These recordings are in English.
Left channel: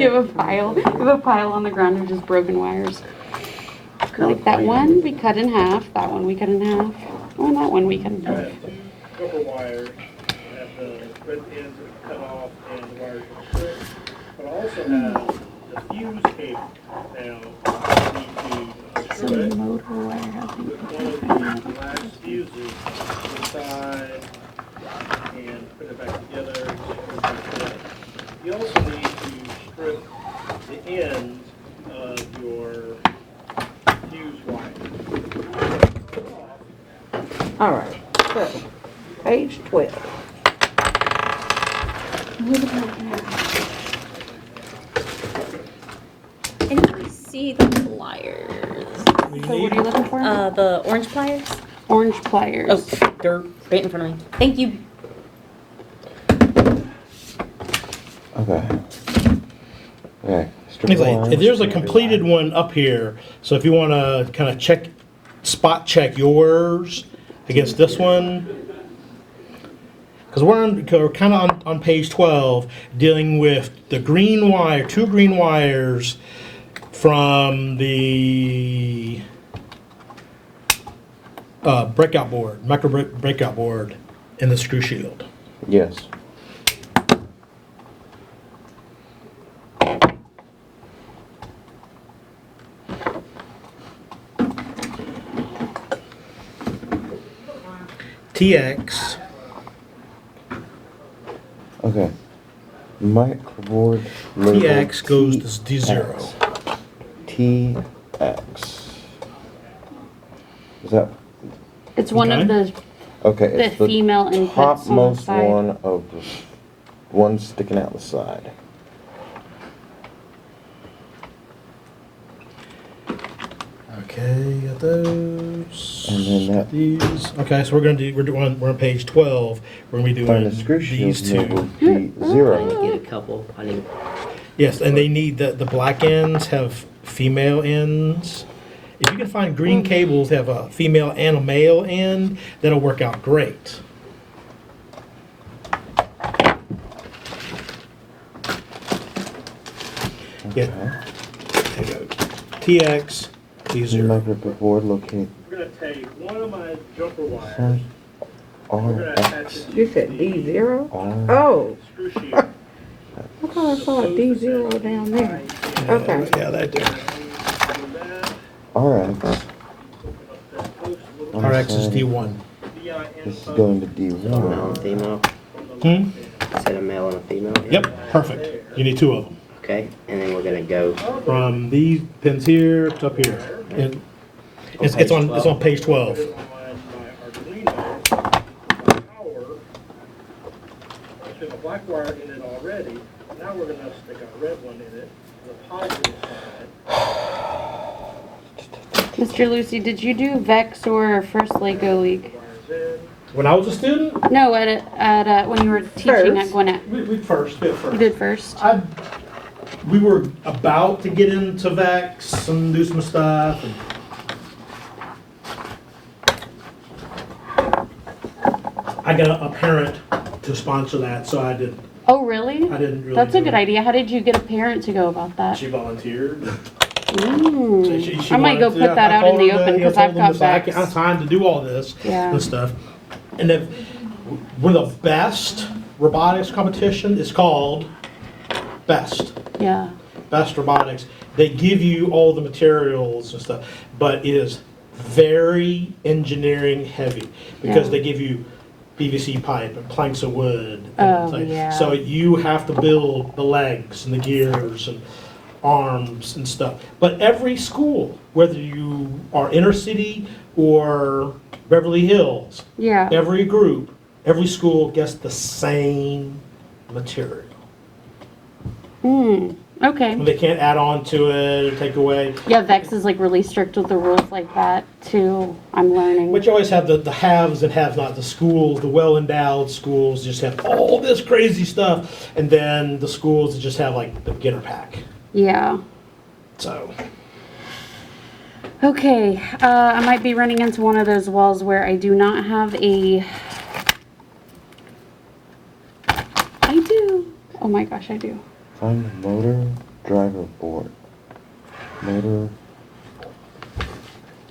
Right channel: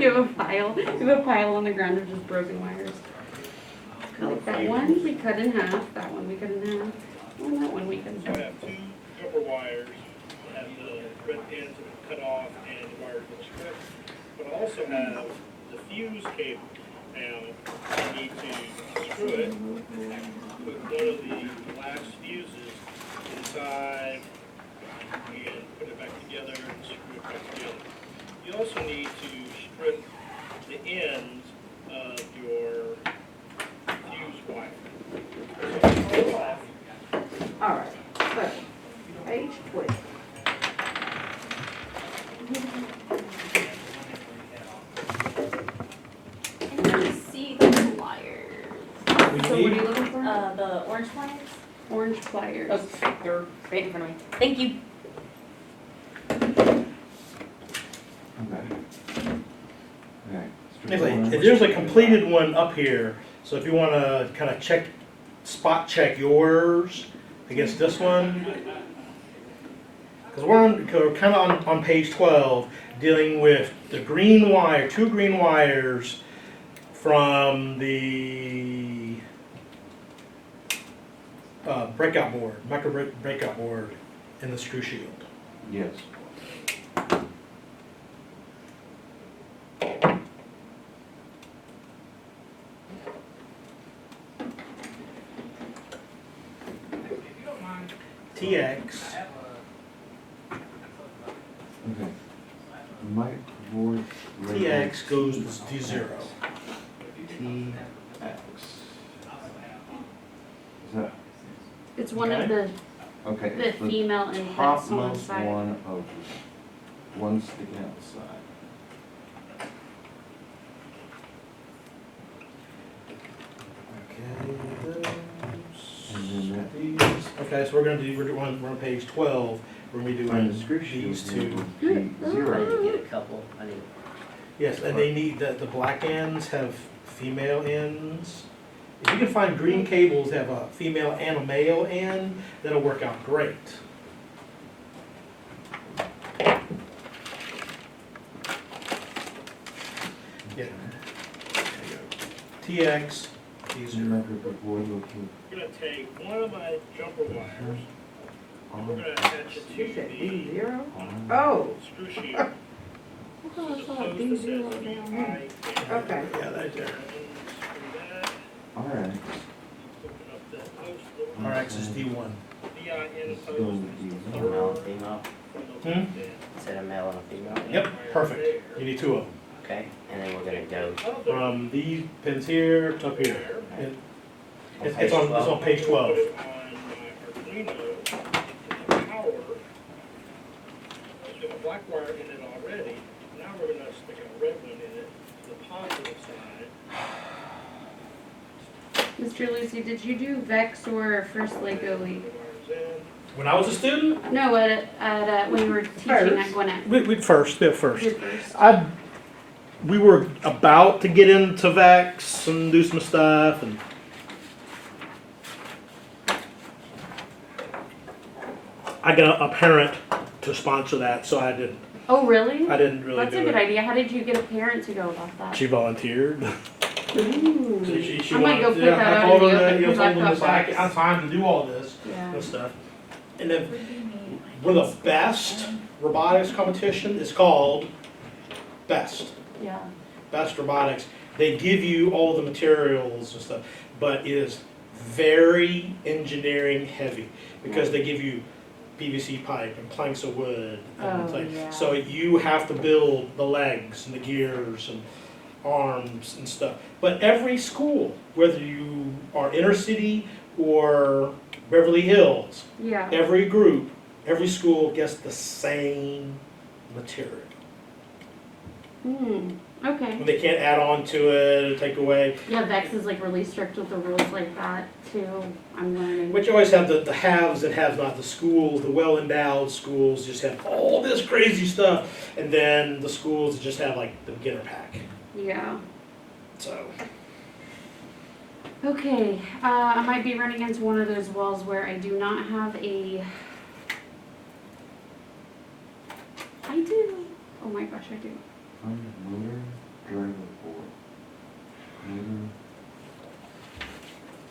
You have a pile on the ground of just broken wires. Like that one we cut in half, that one we cut in half, and that one we cut in You half. have two rubber wires, have the red ends cut off and the wires are stripped, but I also have the fuse cable. Now, you need to So screw the it motor wire has with one of the glass fuses inside and put it back together and screw it back together. You also need to strip the ends of your fuse wire. All right, so, page 12. I didn't see the pliers. So what are you looking for? The orange pliers? Orange pliers. Oh, they're right in front of me. Thank you. Okay. Okay. strip It's like, wire, if there's a strip completed wire. one up here, so if you want to kind of spot check yours against this one, because we're kind of on page 12 dealing with the green wire, two green wires from the breakout board, breakout board in the screw shield. Yes. TX, Okay. Microboard label TX goes to D0. TX. Is that It's one of Okay. the okay? It's the female inputs on the topmost side. one of the one sticking out the side. Okay, got those. And then that- These. Okay, so we're on page 12. We're gonna be Find doing the screw shield these two. label D0. Get a couple. I need. Yes, and they need the black ends have female ends. If you can find green cables that have a female and a male end, that'll work out great. Yeah. There you go. TX D0. Microboard located We're gonna take one of my jumper wires. center We're gonna R attach X it You to said the D0? R. Oh, screw sheet. I thought I saw a D0 down there. Okay. Yeah, that do. R X. RX is D1. This is going to Male and D1. female. Hmm? I said a male and a female. Yep, perfect. You need two of them. Okay, and then we're gonna go. From these pins here to up here. And it's on page 12. Black wire in it already. Now we're gonna stick a red one in it, the positive side. Mr. Lucy, did you do Vex or First Lego League? Wires in. When I was a student, No, at when you were teaching First. at Gwinnett. we first, did You first. did first. We were about to get into Vex and do some stuff. And I got a parent to sponsor that, so I didn't Oh, really? really. That's a do good it. idea. How did you get a parent to go about that? She volunteered. Ooh. She I might go volunteered. put that I out in told the her open that, because told I've them got this, I Vex. have time to do all this Yeah. and stuff. And then we're the best robotics competition. It's called Best. Yeah. Best Robotics. They give you all the materials and stuff, but it is very engineering heavy because Yeah. they give you PVC pipe and planks of wood. Oh, things. yeah. So you have to build the legs and the gears and arms and stuff. But every school, whether you are inner city or Beverly Hills, Yeah. every group, every school gets the same material. Hmm. Okay. They can't add on to it or take away. Yeah, Vex is like really strict with the rules like that too. I'm learning. But you always have the haves and have not. The schools, the well-endowed schools just have all this crazy stuff. And then the schools that just have like the beginner pack. Yeah. So, Okay. I might be running into one of those walls where I do not have a. I do. Oh my gosh, I do. Find the motor Driver board. Motor.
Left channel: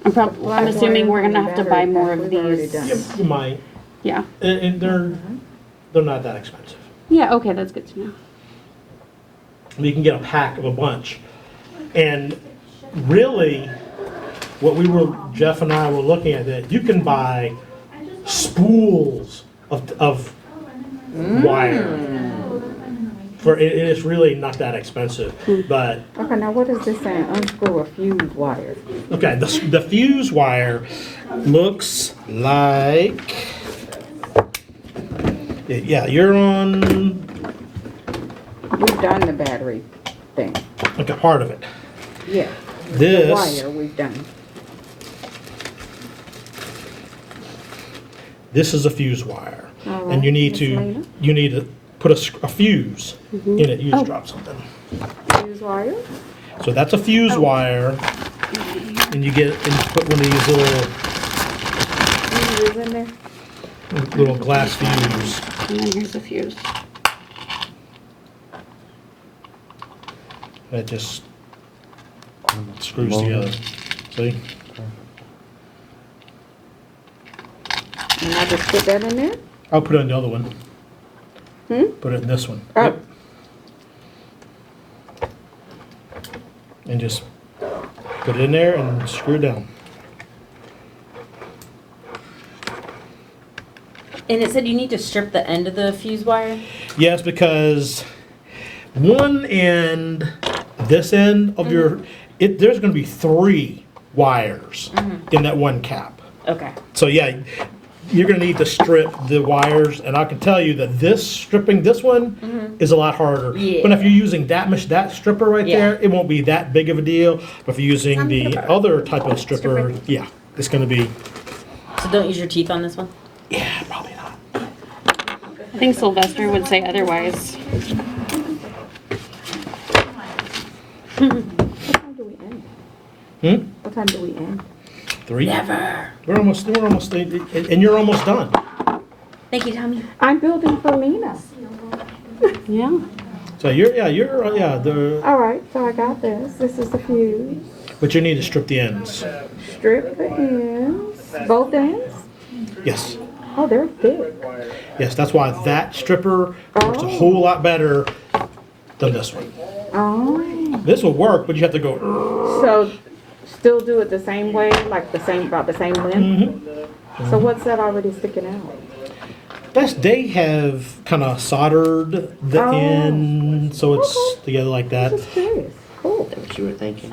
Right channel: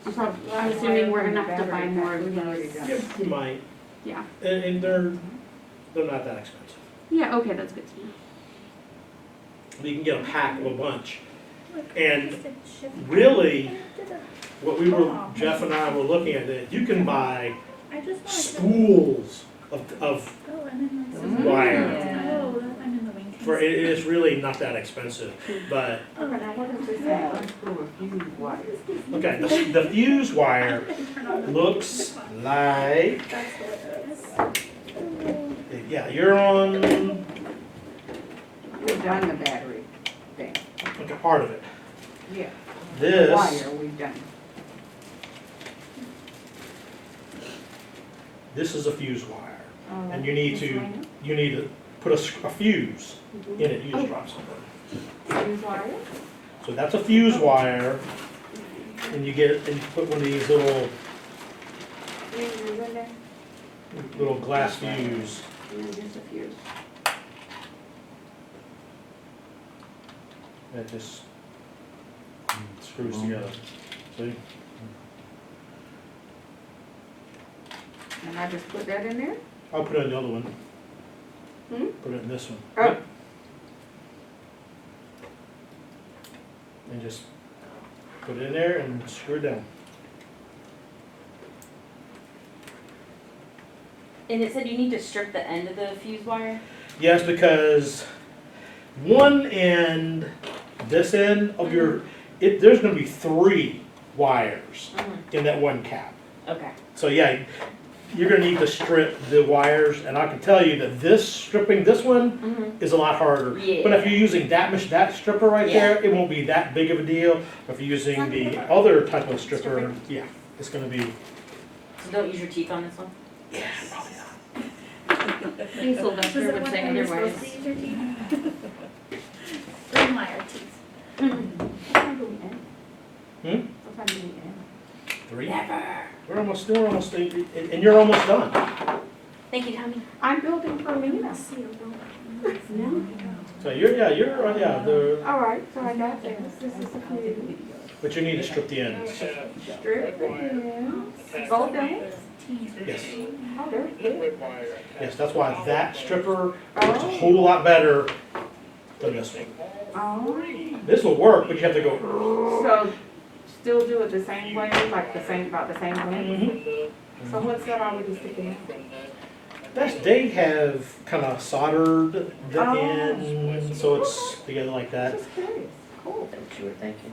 I'm assuming we're gonna have to buy more of We've already these. done. Yeah, you might. Yeah. And they're not that expensive. Yeah, okay, that's good to know. You can get a pack of a bunch. And really, what Jeff and I were looking at, that you can buy spools of wire. It's really not that expensive, but, Okay, now what is this saying? Unscrew a fuse wire. okay, the fuse wire looks like, yeah, you're on, We've done the battery thing. okay, part of it. Yeah. This, Wire we've done. this is a fuse wire. All right, And you need miscellaneous. to put a fuse in it. You just drop something. Fuse wire? So that's a fuse wire, and you put one of these Fuse in there? little glass fuse. And then here's the fuse. That just screws together. See? And I just put that in there? I'll put it in the other one. Put it in this one. Oh. Yep. And just put it in there and screw it down. And it said you need to strip the end of the fuse wire? Yes, because one end, this end of your, there's gonna be 3 wires in that one cap. Okay. So yeah, you're gonna need to strip the wires, and I can tell you that stripping this one is a lot harder. Yeah. But if you're using that stripper right Yeah. there, it won't be that big of a deal. But if you're using the other type of stripper, yeah, it's gonna be, So don't use your teeth on this one? yeah, probably not. I think Sylvester would say otherwise. What time do we end? What time do we end? 3. Never. We're almost, and you're almost done. Thank you, Tommy. I'm building for Lena. Yeah. So the, All right, so I got this. This is the fuse. but you need to strip the ends. Strip the ends. Both ends? Yes. Oh, they're thick. Yes, that's why that stripper works a whole lot better than this one. Oh. This will work, but you have to go. So still do it the same way, like about the same length? So what's that already sticking out? They have kind of soldered the Oh. end, so it's together like that. Just curious. Cool. That's what you were thinking.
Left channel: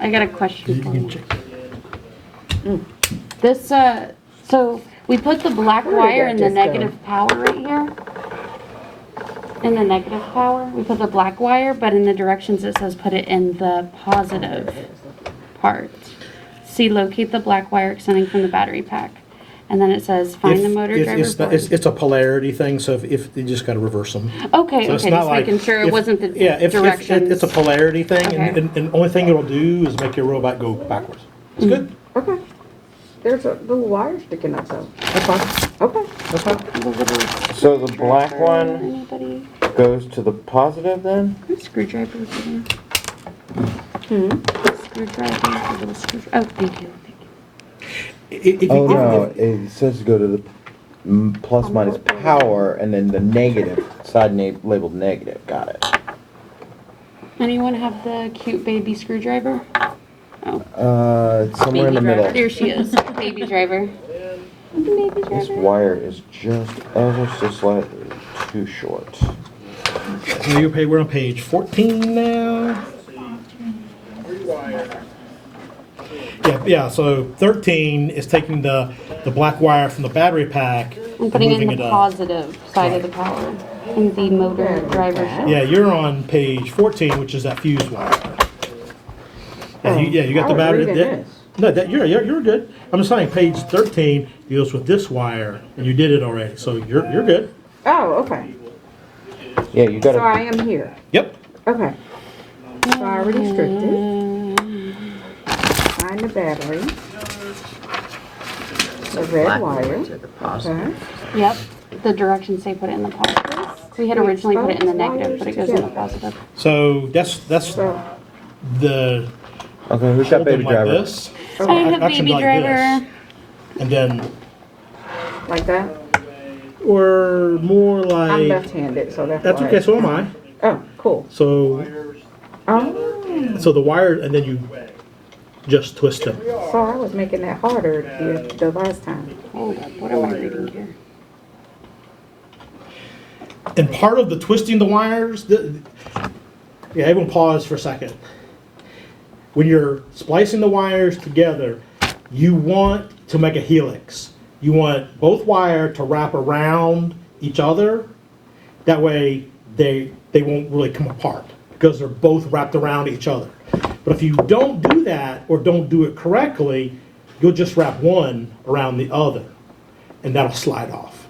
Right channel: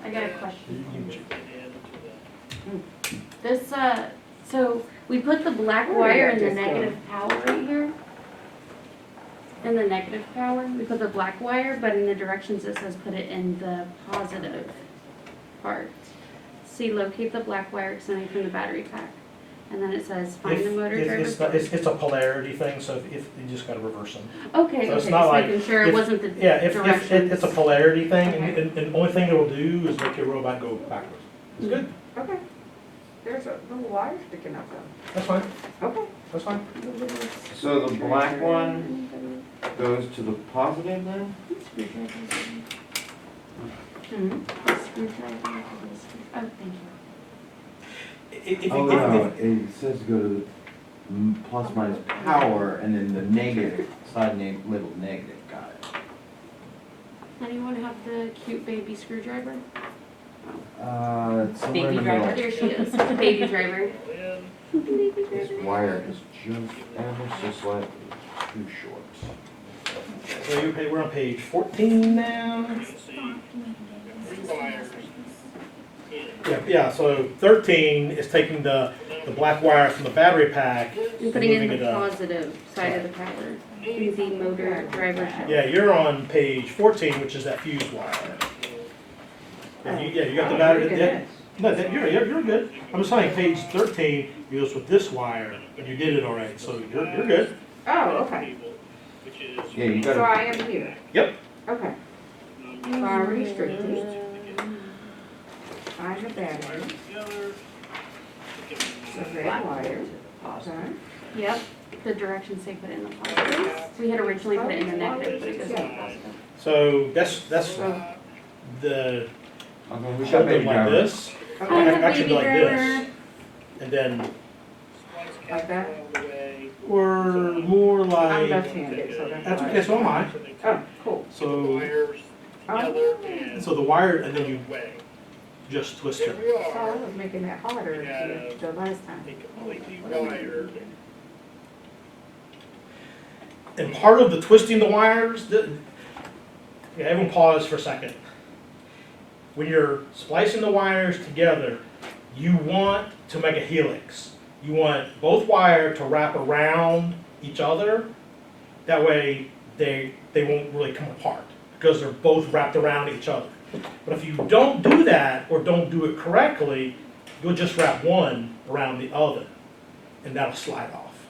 I got a question You for can you. check. This, so we put the black Where did wire that in the just go? negative power right here. In the negative power, we put the black wire, but in the directions it says put it in the positive part. See, locate the black wire extending from the battery pack. And then it says find the motor driver board. It's a polarity thing, so if you just got to reverse them. Okay, So it's okay, not just like making sure it if- wasn't the Yeah, if directions. it's a polarity thing, Okay. and the only thing it'll do is make your robot go backwards. It's good. Okay. There's a little wire sticking up though. That's fine. Okay. That's fine. The little So the black one Anybody? goes to the positive then? What screwdrivers are there? Screwdriver, a little screwdriver. Oh, thank you. If you- Oh, no, it says to go to the plus minus power and then the negative, labeled negative, got it. Anyone have the cute baby screwdriver? Oh, It's somewhere in the Baby driver. middle. there she is, baby driver. Baby This driver. wire is just ever so slightly too short. So we're on page 14 now. Yeah, so 13 is taking the black wire from the battery pack I'm putting in moving the it up. positive side of the power in the motor driver shaft. Yeah, you're on page 14, which is that fuse wire. You got the Oh, battery. reading Yeah. this. No, you're good. I'm just saying, page 13 deals with this wire, and you did it already, so you're good. Oh, okay. Yeah, you So I gotta, am here. Yep. Okay. So I already stripped it. Find the battery. The red Black wire. to the positive. Okay. Yep, The directions say put it in the positive. We had originally put it in the negative, but it goes in the positive. So that's So, the. Okay, who's got baby like driver? this, I have actually baby like driver. this, and then, like that? or more I'm like, left-handed, so that's why. okay, so am I. Oh, cool. So, Oh, so the wire, and then you just twist them. so I was making that harder the last time. Hold up, what am I reading here? And part of the twisting the wires, yeah, everyone pause for a second. When you're splicing the wires together, you want to make a helix. You want both wire to wrap around each other. That way they won't really come apart because they're both wrapped around each other. But if you don't do that or don't do it correctly, you'll just wrap one around the other and that'll slide off.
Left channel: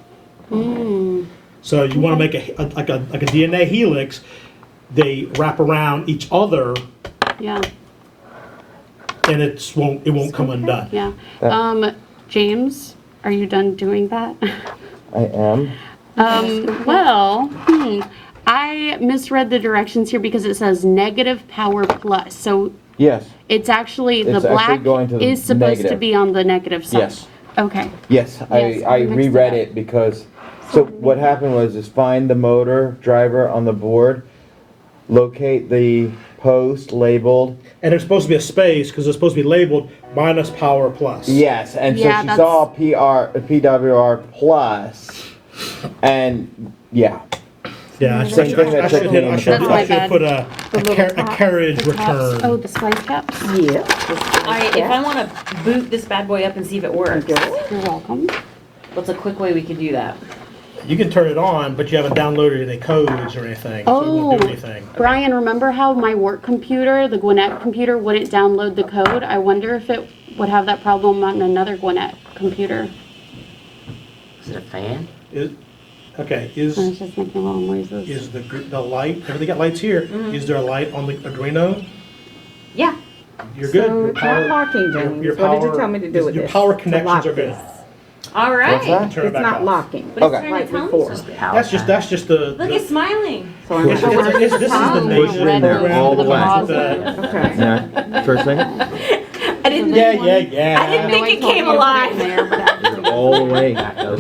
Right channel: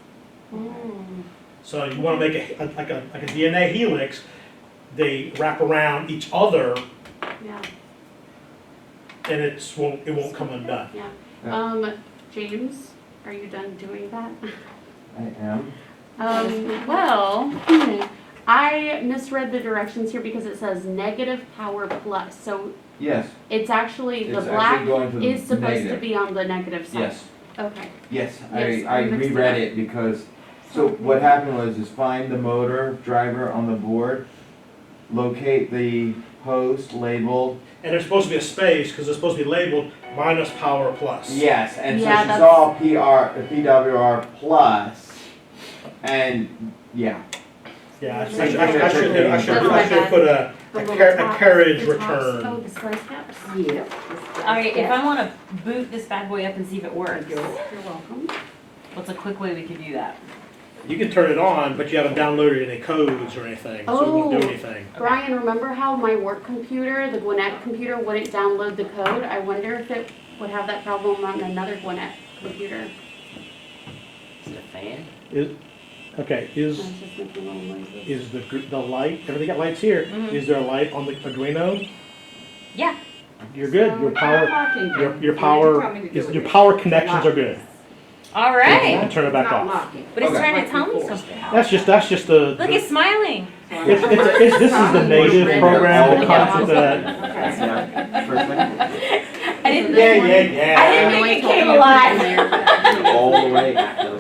Hmm. So you want to make like a DNA helix. They wrap around each other, Yeah, and it won't come undone. yeah. Yeah. James, are you done doing that? I am. I misread the directions here because it says negative power plus. So Yes, it's actually, the It's actually black going to the is supposed to negative. be on the negative side. yes, Okay. yes. I Yes, I mixed it reread up. it because, so what happened was is find the motor driver on the board, locate the post labeled. And there's supposed to be a space because it's supposed to be labeled minus power plus. Yes, and so Yeah, she that's- saw PWR plus, and yeah. Yeah, I Same should thing that I should Tiffany- That's my bad. put a carriage The caps. Oh, return. the splice caps? Yeah. Alright, if I wanna boot this bad boy up and see if it works, You're welcome. what's a quick way we could do that? You can turn it on, but you haven't downloaded any codes or anything, so it won't do Oh. anything. Brian, remember how my work computer, the Gwinnett computer, wouldn't download the code? I wonder if it would have that problem on another Gwinnett computer. Is it a fan? Okay, I was just making little noises. is the light? Everything got lights here. Is there a light on the Arduino? Yeah. You're good. So Your it's not power. locking, Your, James. your What power. did you tell me to do with your this? power To connections lock are good. this. Alright. that? Turn it It's back not off. locking. But it's Okay. trying to tell me Before. something. That's just the. Look, the- it's smiling. So I'm this gonna- is the native Red program for that comes with the the. Okay. Yeah, first thing, I didn't Yeah, think, yeah, I didn't yeah. think it came alive. all the way.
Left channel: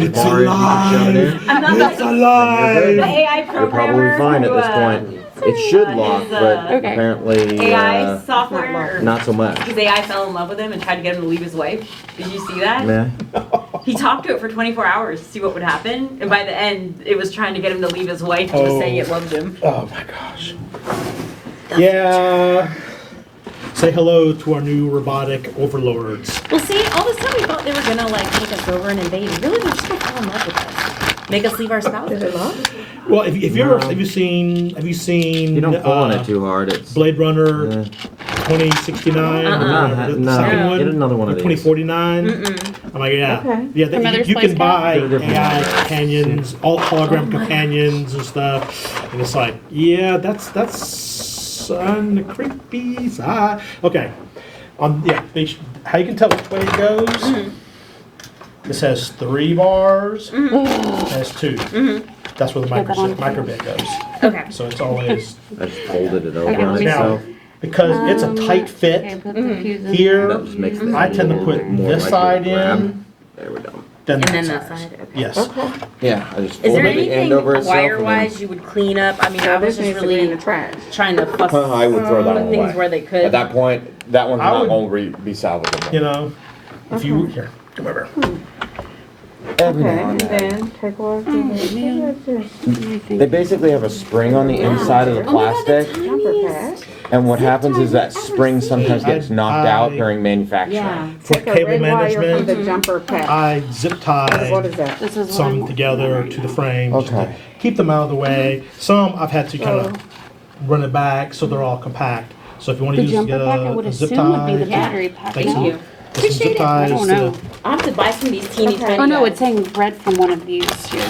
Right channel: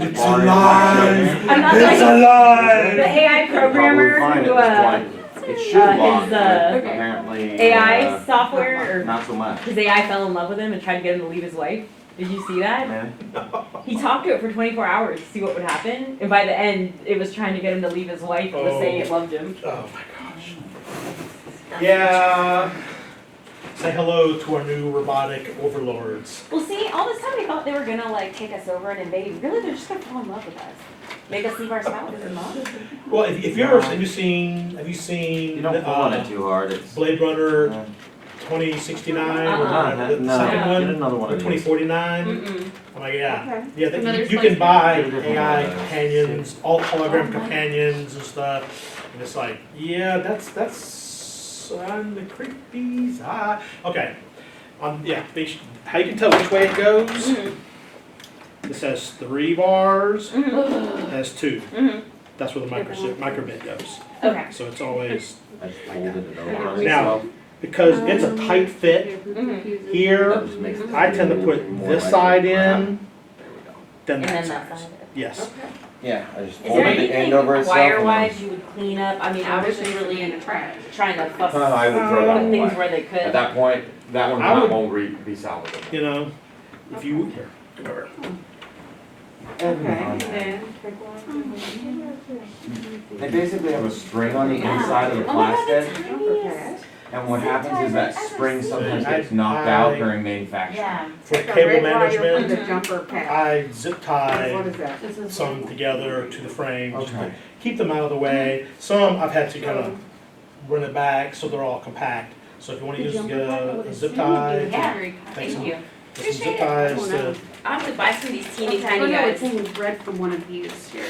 It's alive. I'm not It's like the alive. AI You'll probably programmer fine who, at this point. It should lock, his, but Okay. apparently, AI software, or not so much. his AI fell in love with him and tried to get him to leave his wife. Did you see that? Yeah. He talked to it for 24 hours to see what would happen, and by the end, it was trying to get him to leave his wife and was Oh. saying it loved him. Oh my gosh. Yeah. Say hello to our new robotic overlords. Well, see, all this time we thought they were gonna like take us over and invade. Really, they're just gonna fall in love with us, make us leave our Is spouses. it locked? Well, if you're, have you seen? You don't pull on it too hard, it's. Blade Runner Yeah. 2069, Uh-uh. the No, second no. one, Get another one of these. 2049. Mm-mm. I'm like, yeah, Okay. yeah. Another You spice can cap? buy Get a different AI one. companions, all hologram companions and stuff, and it's like, yeah, that's on the creepy side. Okay, how you can tell which way it goes? This has 3 bars. It has 2. That's where the microbit goes. Okay. So it's always I just folded it over Okay, on let me itself. because it's a tight fit. Okay, that's confusing. Here, That just makes it I tend to a put little more this like side a grab. in, There we go. then And that then side. that side. Okay. Yes. Okay. Yeah, I just Is there folded the anything end over itself. and then- wire-wise you would clean up? I mean, So I was this just needs to be in really the trash. trying to fuss, I would throw that put one things away. where they could. At that point, that one's I not would- going to be salvageable. You know, if you here, come over. Every Okay, now and and then. then take off the They basically have a spring on the inside of the plastic, jumper pad. and what happens is that spring sometimes gets knocked out during Yeah. manufacturing. For Take a cable red wire from management, the jumper pad. I zip What tie is that? This is what some I'm- together to the frame. just to Okay. Keep them out of the way. Some I've had to kind of run it back so they're all compact. So if you want The to use jumper pack, I would a zip assume would be the tie, battery pack. take Thank some, you. put some zip I ties don't to know. I'll have to buy some of these teeny Okay. tiny Oh no, guys. it's saying red from one of these here.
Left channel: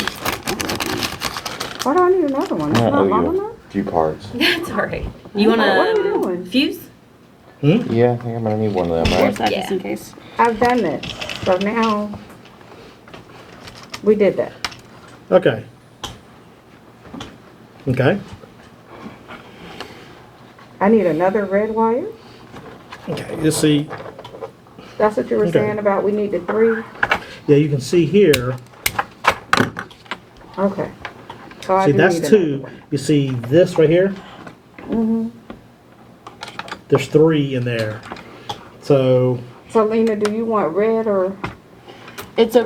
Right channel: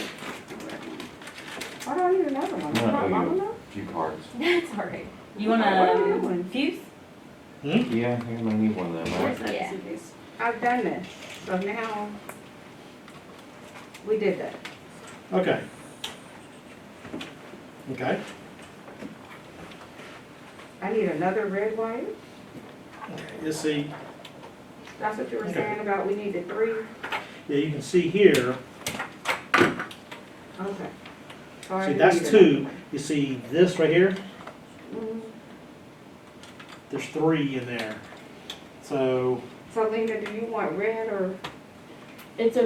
Why do I need another one? It's I not owe long you enough? a few cards. That's alright. You What are we wanna doing? fuse? Yeah, I think I'm gonna need one of them, Where's right? that Yeah. just in case? I've done this, so now we did that. Okay. Okay. I need another red wire? Okay. You see, That's what you were Okay. saying about we needed 3? yeah, you can see here. Okay. So I See, do that's need another 2. one. You see this right here? Mhm. There's 3 in there. So, So Lena, do you want red or It's a,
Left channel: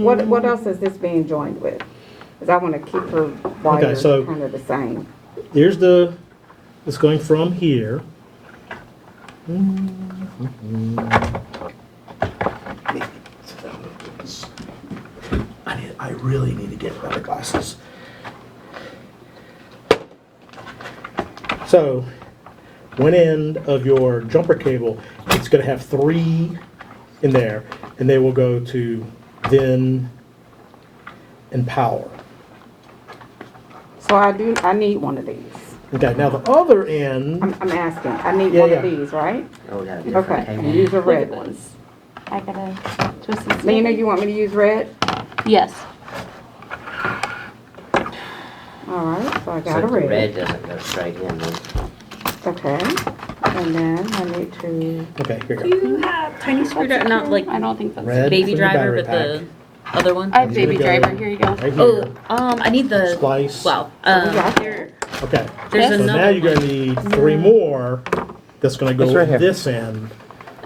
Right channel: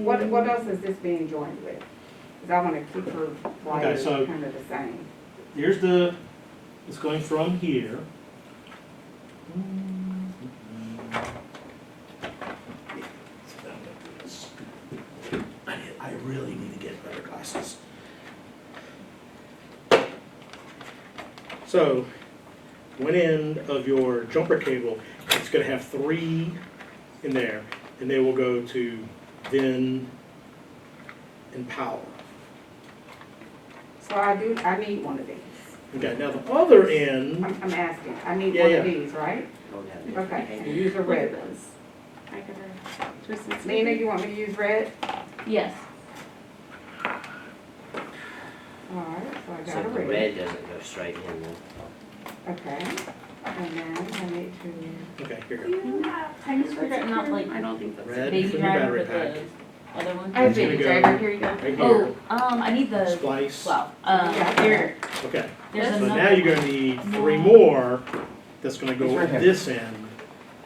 what else is this being joined with? Cause I wanna keep her wires so- kinda the same. here's it's going from here. I really need to get better glasses. So, one end of your jumper cable, it's gonna have 3 in there, and they will go to VIN and power. So I need one of these. Okay, now the other end, I'm asking, I need Yeah, one yeah. of these, right? Oh, we got a different Okay, cable. and use a look red at one. this. I gotta twist this. Lena, you want me to use red? Yes. Alright, so I So got a the red. red doesn't go straight in then. Okay, and then I need to, okay, here Do we go. you have tiny screwdriver, not like I don't think that's. Red. baby for your driver, battery but the other one? I have Here baby we go. driver, here you go. Right here. Oh, I need the, Splice. well, got here, Okay, there's Yes. so now another you're one. gonna need 3 more. That's gonna go It's right here. this end.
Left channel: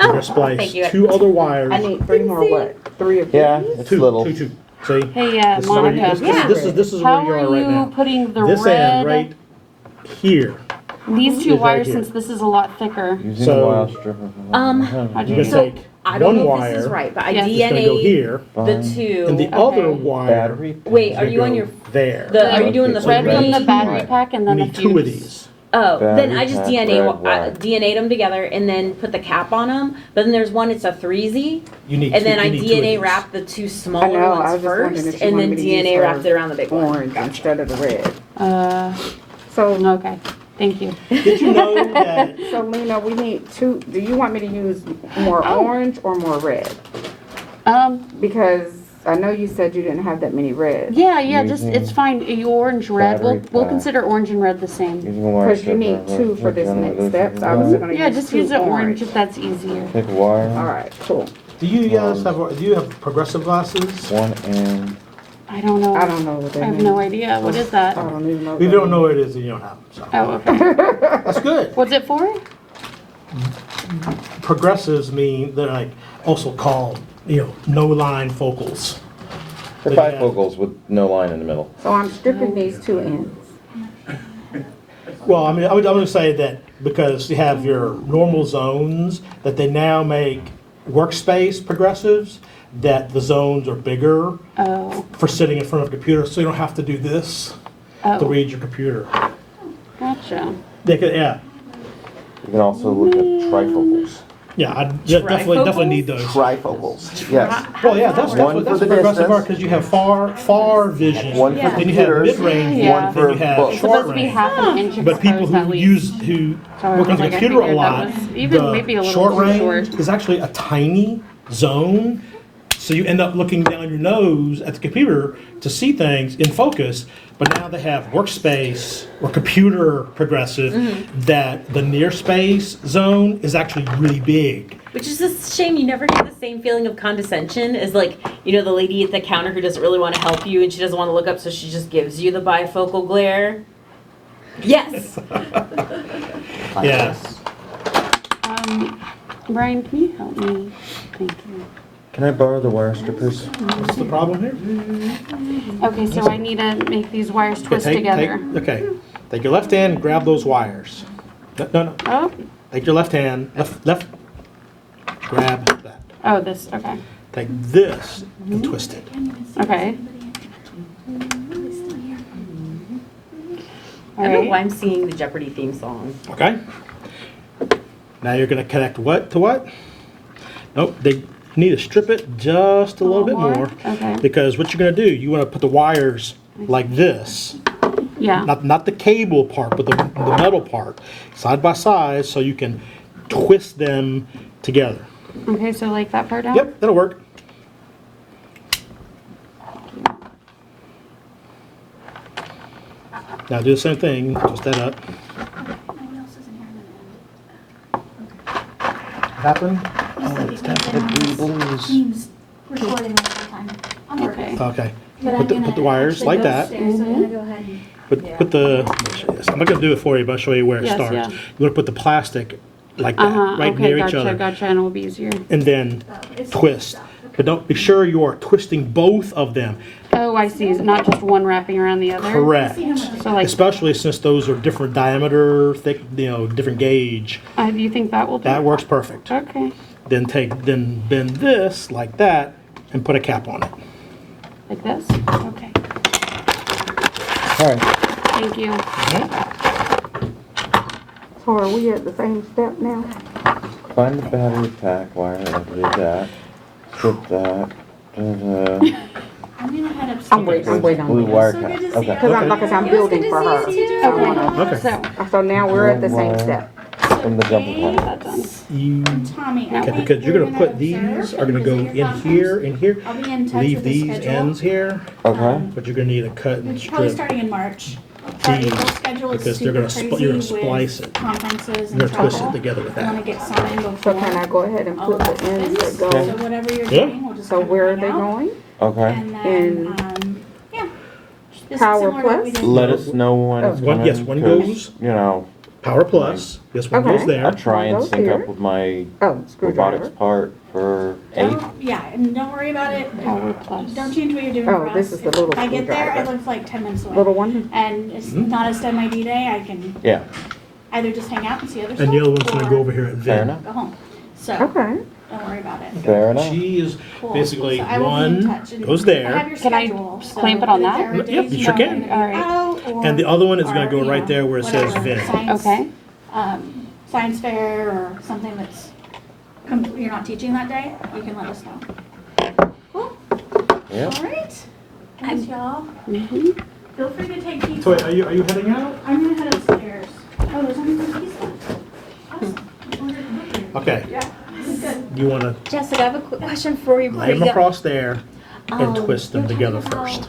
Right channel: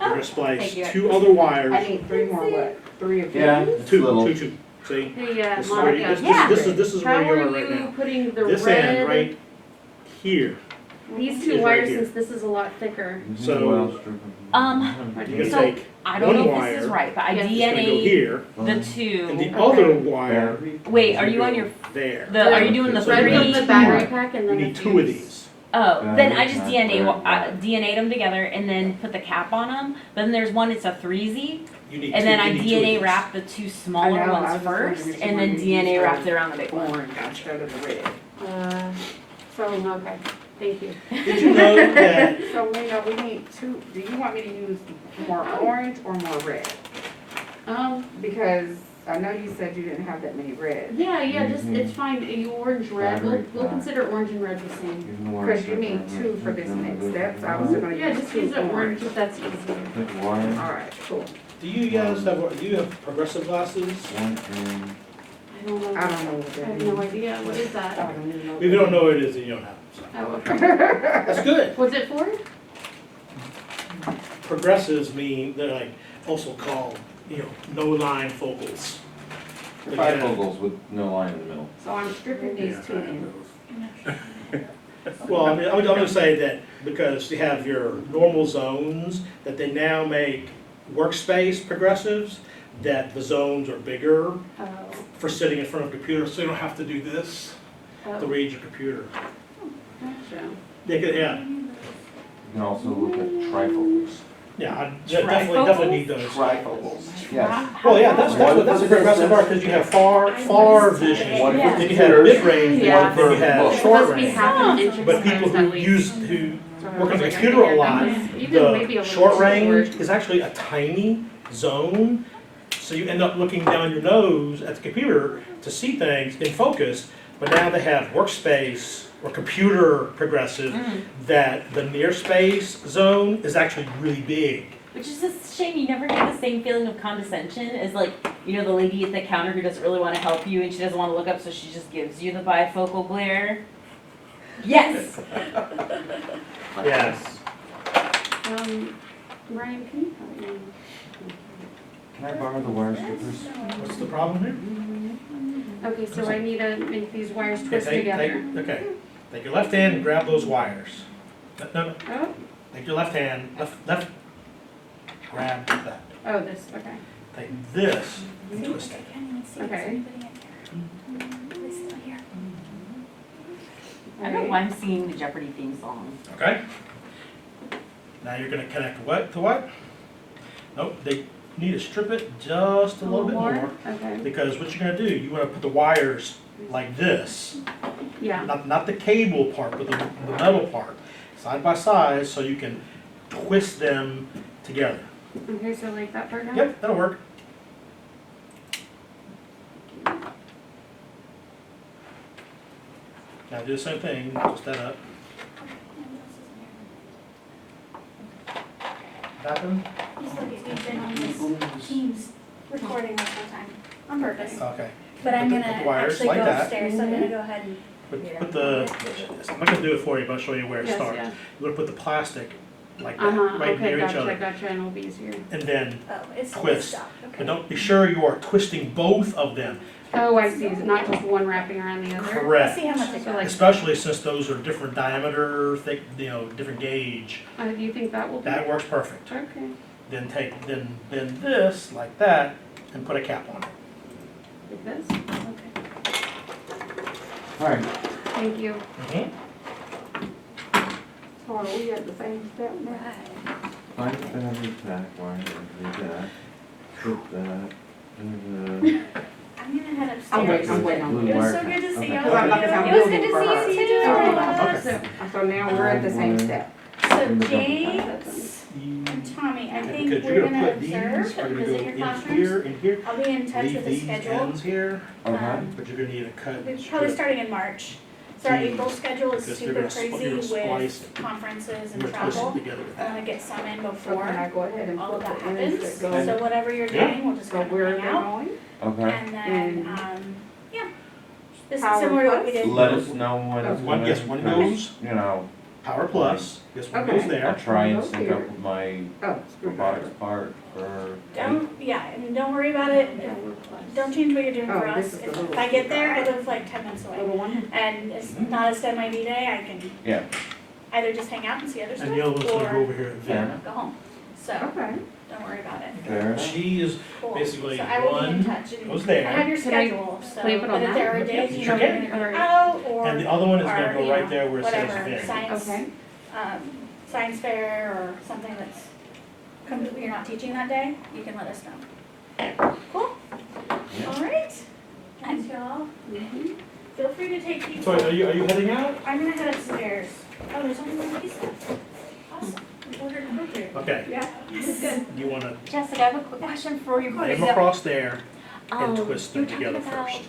Oh, You're gonna splice thank you. 2 other wires. I need 3 more what? 3 of these? Yeah, it's 2, little. 2, 2. See? Hey, This is where you- Monica, this is how where you are are right you now. putting the This end red, right here. these is 2 right wires, here. since this is a lot thicker? Using So- a wire strip of- How'd You're you gonna So, take I don't one know if wire. this is right, but I Yes. It's gonna go DNA'd here, the Fine. two. and the Okay. other wire. Battery. Wait, is are gonna you on go your, there? are you doing the So Red red from the two battery wire. pack and You then the need 2 of fuse. these. Oh, then Battery I just pack, DNA, red wire. DNA'd them together and then put the cap on them. But then there's one, it's a 3Z, You need. and then two, I you need 2 of DNA these. wrapped the 2 I smaller know, I ones was just wondering first, if you and then wanted me to use DNA her wrapped it around the big one. orange instead of the red. So, So, okay, thank you. Did you know that? so Lena, we need 2, do you want me to use more Oh. orange or more red? Because I know you said you didn't have that many reds. Yeah, just, it's fine, orange, red, we'll Battery pack. consider orange and red the same. Using a wire Because you strip need of- 2 for this next step, so I was gonna Yeah, use just 2 use the orange if that's easier. Take a wire. Alright, cool. Do you guys have? Do you have progressive glasses? One and I don't know. I don't know what I that have means. no idea, what is that? I don't even know. If you don't know what it is, then you don't have. It, so. Oh, okay. That's good. What's it for? Progressives mean they're like also called no line focals. the bifocals with no line in the middle. So I'm stripping these 2 ends. Well, I mean, I'm going to say that because you have your normal zones, that they now make workspace progressives, that the zones are bigger Oh, for sitting in front of a computer, so you don't have to do this to oh, read your computer. gotcha. Yeah, You can also look at trifocals. yeah, I definitely need those. Trifocals, yes. Well, yeah, that's One what for the progressive distance. are, because you have far vision. One for Yeah. Then you have computers, mid-range, Yeah. one then for you have books. It's short supposed to be range. half an inch But people exposed at who least. who So I work on was the like, I computer a figured lot, that was even maybe a the little short too range short. is actually a tiny zone. So you end up looking down your nose at the computer to see things in focus. But now they have workspace or computer progressive that the near space zone is actually really big. Which is a shame, you never get the same feeling of condescension as like, the lady at the counter who doesn't really want to help you and she doesn't want to look up, so she just gives you the bifocal glare. Yes! Like Yeah. this. Brian, can you help me? Thank you. Can I borrow the wire strippers? What's the problem here? Okay, so I need to make these wires twist together. Okay, take your left hand, grab those wires. No. Oh, Take your left hand, left. Grab that. oh, this, okay, Take this and twist it. okay. I don't know why Alright, I'm singing the Jeopardy theme song. Okay? Now you're gonna connect what to what? Nope, they need to strip it just a little bit more. Okay, Because what you're gonna do, you wanna put the wires like this. yeah, Not the cable part, but the metal part. Side by side, so you can twist them together. okay, so like that part down? Yep, that'll work. Now do the same thing, twist that up. Happen? Teams recording my whole time on purpose. Okay. But Put I'm the- gonna put the wires actually like go that. upstairs, so I'm gonna go ahead and. Put the, I'm not gonna do it for you, but I'll show you where it Yes, starts. yeah. You're gonna put the plastic like that, right Okay, near each gotcha, other. gotcha, and it'll be easier. And then Oh, it's twist. stuff. But don't, be sure you are twisting both of them. Oh, I see, so not just one wrapping around the other? Correct. See how much it So like, Especially since those are different diameter, thick, different gauge. do you think that will do? That works perfect. Okay, Then then bend this like that and put a cap on it. like this? Okay, Alright, thank you. So are we at the same step now? find the battery pack wire, I did that. Strip that. I'm gonna head upstairs. I'm waiting Blue on wire So cap, good to see okay. you. Because I'm, like I said, I'm It was building good for to her. see you too. So I wanna- Okay. So, now we're at the same Wire. step. From the jumper Today, pack. that done. You, Tommy, I okay, think because you're we're gonna put these observe are gonna and go visit your in conference. here, in here. I'll be in touch Leave with the these schedule. ends here, Okay, but you're gonna need a cut and It's probably strip. starting in March. So our These, April schedule is because they're super gonna crazy you're gonna with splice it. conferences You're and gonna twist it travel. together with I wanna that. get some in So before can I go ahead and all put of the that ends happens. that So go? whatever you're Yeah. doing, we'll just. So kind of where are plan they out. going? okay. And then, And- yeah. This is Power similar to what we Plus? did. Let us know when it's One- coming. yes, one 'cause, goes- You know, Power plus, this one goes Okay. I there. try and Goes sync here. up with my Oh, robotics screwdriver. part for 8. Yeah, and don't worry about it. Power plus. Don't change what you're doing Oh, for us. this is the If little I get there, I screwdriver. live like 10 minutes away. Little one? And it's Mhm. not a STEM ID day, I can Yeah, either just hang out and see other stuff. And the other one's gonna go or over here at fair Vin. enough. Go home. So, Okay. don't worry about it. Fair enough. She is Cool. basically So I will be in one touch and goes I there, have your Can I schedule, so clamp it on if that? there are Yep, days you sure when can. you're gonna be Alright. out, or- and the other one is gonna or, go you right know, there where it says whatever, Vin. Science, Okay, science fair or something that's, you're not teaching that day, you can let us know. Cool, Yeah. alright. Thanks, y'all. mhm. Feel free to take these. So are you heading out? I'm gonna head upstairs. Oh, there's only one piece left. Awesome. Order it quickly. Okay, Yeah, this is good. you wanna Jessica, I have a quick question for you. lay them across there and twist them you were together talking about- first.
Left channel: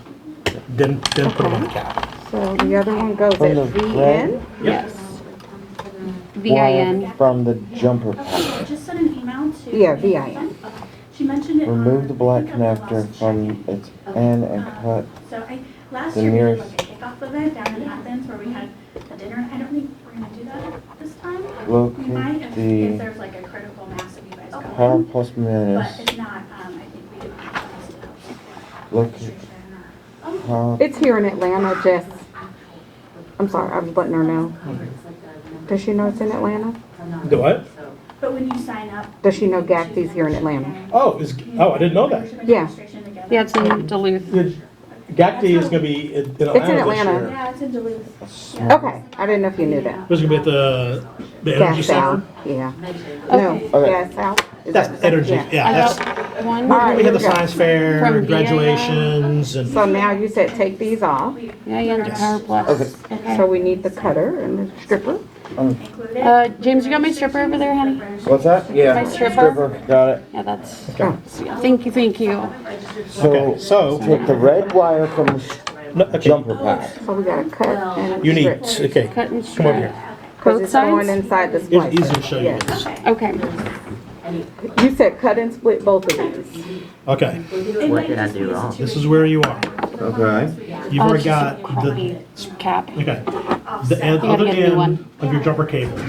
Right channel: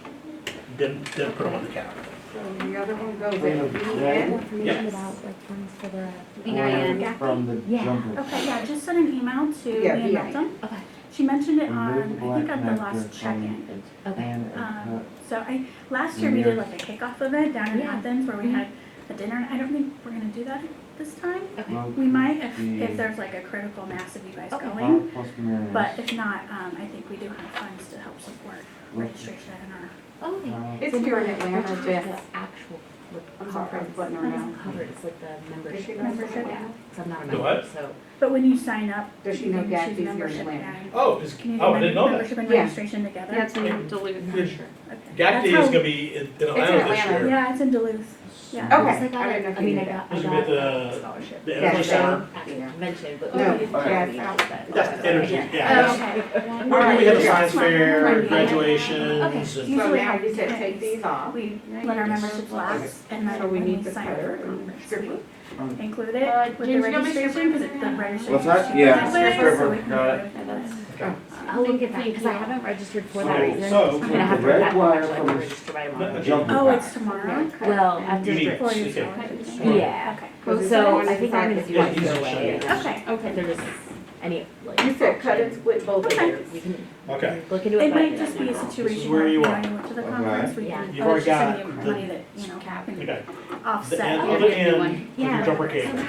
Then put them on the cap. So the other one goes From the at the red end? Yes. VIN. From the jumper Okay, pack. yeah, just sent an email to. Yeah, Amanda VI. Hilton. Okay. She mentioned it on. Remove the black I think on the connector last from check-in. its end and cut. So last the year we did nearest- like a kickoff event down in Athens where we had a dinner. I don't think we're gonna do that this time. We might if Locate there's like a critical mass of you guys the going. half plus But minus. if not, I think we do have funds to help support Look. registration or. Half It's here in Atlanta, Jess. I'm sorry, I was letting her know. Does she know it's in Atlanta? The what? But when you sign up. Does she know you choose GACTY's here in Atlanta? Oh, I didn't know that. Membership and Yeah. registration together. Yeah, it's in Duluth. GACTY is gonna be in Atlanta this Atlanta. year. Yeah, it's in Duluth. Yeah. Okay, I didn't know if you knew that. This is gonna be at the energy Gas center. out, yeah. No, Okay. gas out. That's energy, Yeah. yeah, that's, One. where we had the Okay. science fair, From graduations and. So now you said take these off, Yeah, you have the power plus. so we need the cutter and the stripper. Include it. James, you got my stripper over there, honey? What's that? Yeah, stripper, got it. Yeah, that's, Okay. thank you, thank you. Okay, so, Take the red wire from the no, okay, jumper Oh, pack. it's So we gotta cut and you need, strip. okay, Cut and come on strip. here. Cause Both it's going sides? inside the It's easy to splicer. show you. Yes. Okay. Okay, You said cut and split both of these. Okay, It What might did I just do be a wrong? This is situation where you where are. going to the Okay. conference, we can You've Oh, already it's just got a the, cap. okay, the offset. end, Yeah, other get a new end one. of your jumper cable.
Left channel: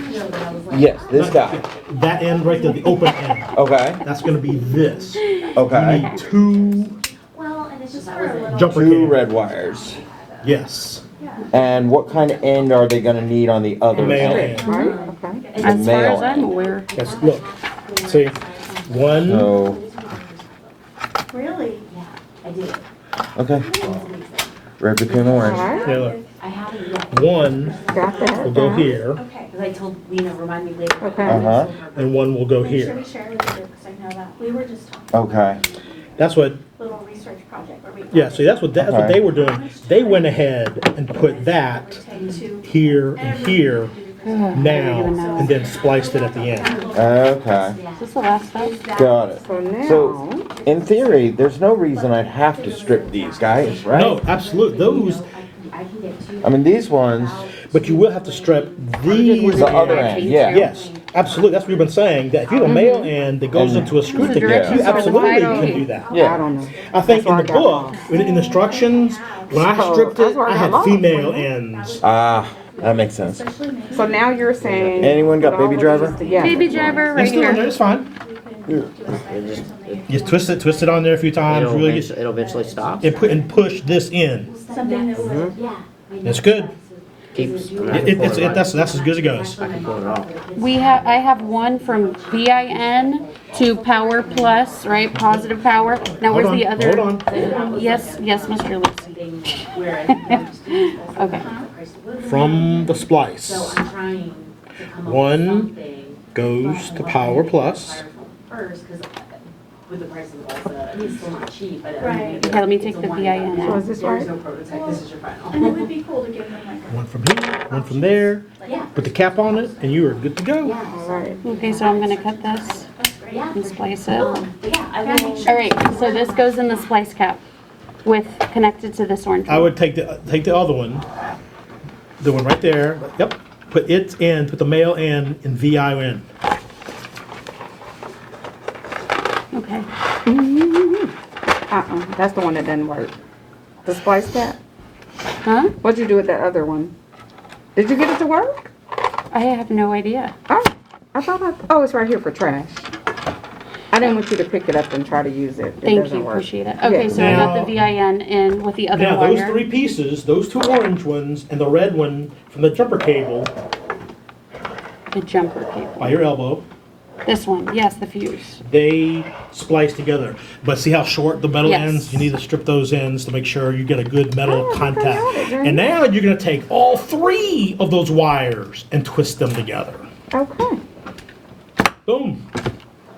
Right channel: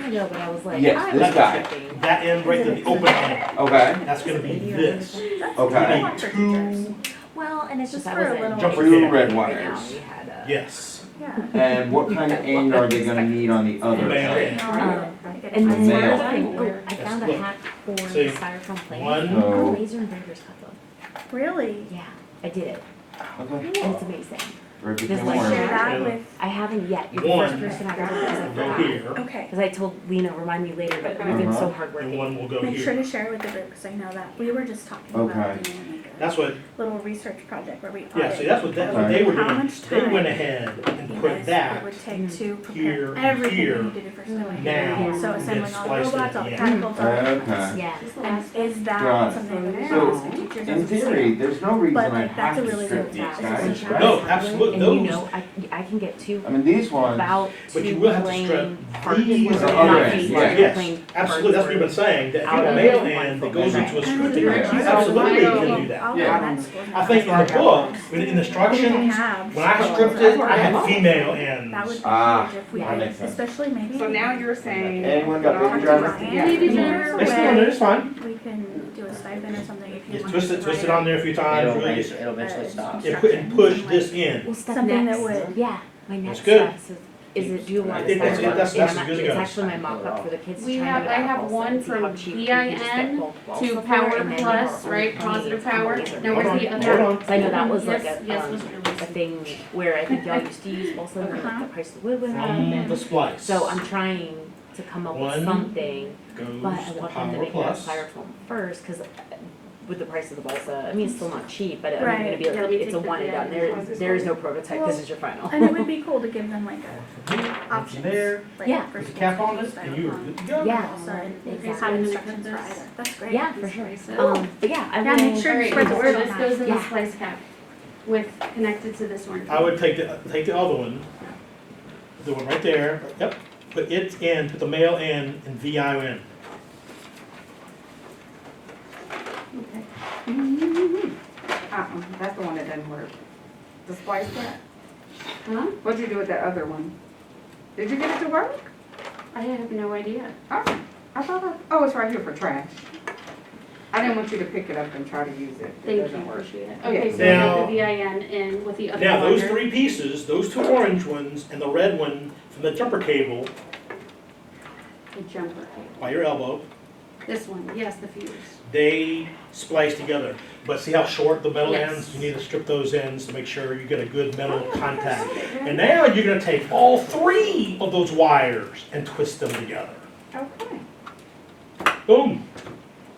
Yes, this guy. That end right there, the open end, Okay, that's gonna be this. You okay. need two Well, and it's just for a little. jumper Two cables. red wires. Yes, And what kind of end are they gonna need on the other male end? end. Alright, okay. As far Male. as I'm aware. That's, look, see, one, So, Really? Yeah, I did it. okay, It's amazing. red became orange. Yeah, look. I haven't yet. One Got will that. go here, Okay. Because I told Lena, remind me later. Okay. I've been so Uh-huh. hardworking. and one will go Make sure here. to share with the group, because I know that we were just talking Okay. about doing That's what, a little research project where we. yeah, see, that's what they were doing. They went ahead and put It that would take to here and everything here you do for now, So and then someone spliced it at the else end. Okay. Yeah. Is this the last step? Is that Got it. something- So So, in theory, there's no reason I have to strip these guys, right? No, absolutely, those, I can get two. I mean, these ones, about But you two will have to strip plain these. The other end, yeah. Yes, absolutely, that's what we've been saying, that if you have a male end that goes into a screw ticket, you absolutely can do that. Yeah. I don't know. I think in That's the why I got book, in the instructions, when I stripped it, I had female ends. Ah, that makes sense. So now you're saying. Anyone got baby driver? Yeah. Baby driver right It's still on there, here. it's fine. We can do a stipend or something. Just twist it on there a few times, It'll, really eventually- it'll eventually stop. and push this in. Something that would, Yeah. my That's next good. step is do That's as good as it goes. It's actually my mom for the kids. I have one from VIN to Power Plus, right, positive power. Now where's the Hold other? on. I know that was Yes, like a, yes, Mr. Lee. a thing where I think y'all used to use most of Okay. the price of wood. From the splice So I'm trying to come up One with something. goes but to I'm Power gonna get Plus. Styrofoam first, cause with the price of the balsa, I mean, it's still not cheap, but I'm Right. gonna be Okay, let like, me it's take a the one and VIN. done. So is this There is right? no prototype, this is your final. and it would be cool to give them like One a. from here, one from there, like, Yeah. put the cap on it, and you are good to go. Yeah, so, Right. Okay, so I'm gonna cut this That's great. yeah. and slice it. Oh, but yeah, I Yeah, will. make sure- Alright, so this goes in the splice cap with, connected to this orange I one. would take the other one, the one right there, yep, put it in, put the male end in VIN. Okay. That's the one that doesn't work. The splice cap? Huh? What'd you do with that other one? Did you get it to work? I have no idea. Oh, I thought oh, it's right here for trash. I didn't want you to pick it up and try to use it. It Thank doesn't you, work. appreciate it. Okay, so I got the VIN in with the other Now, those wire. three pieces, those two orange ones and the red one from the jumper cable The jumper by cable. your elbow, This one, yes, the fuse. they splice together. But see how short the metal Yes. ends? You need to strip those ends to make sure you get a good metal Oh, contact. okay. And now you're gonna take all three of those wires and twist them together. Okay. Boom.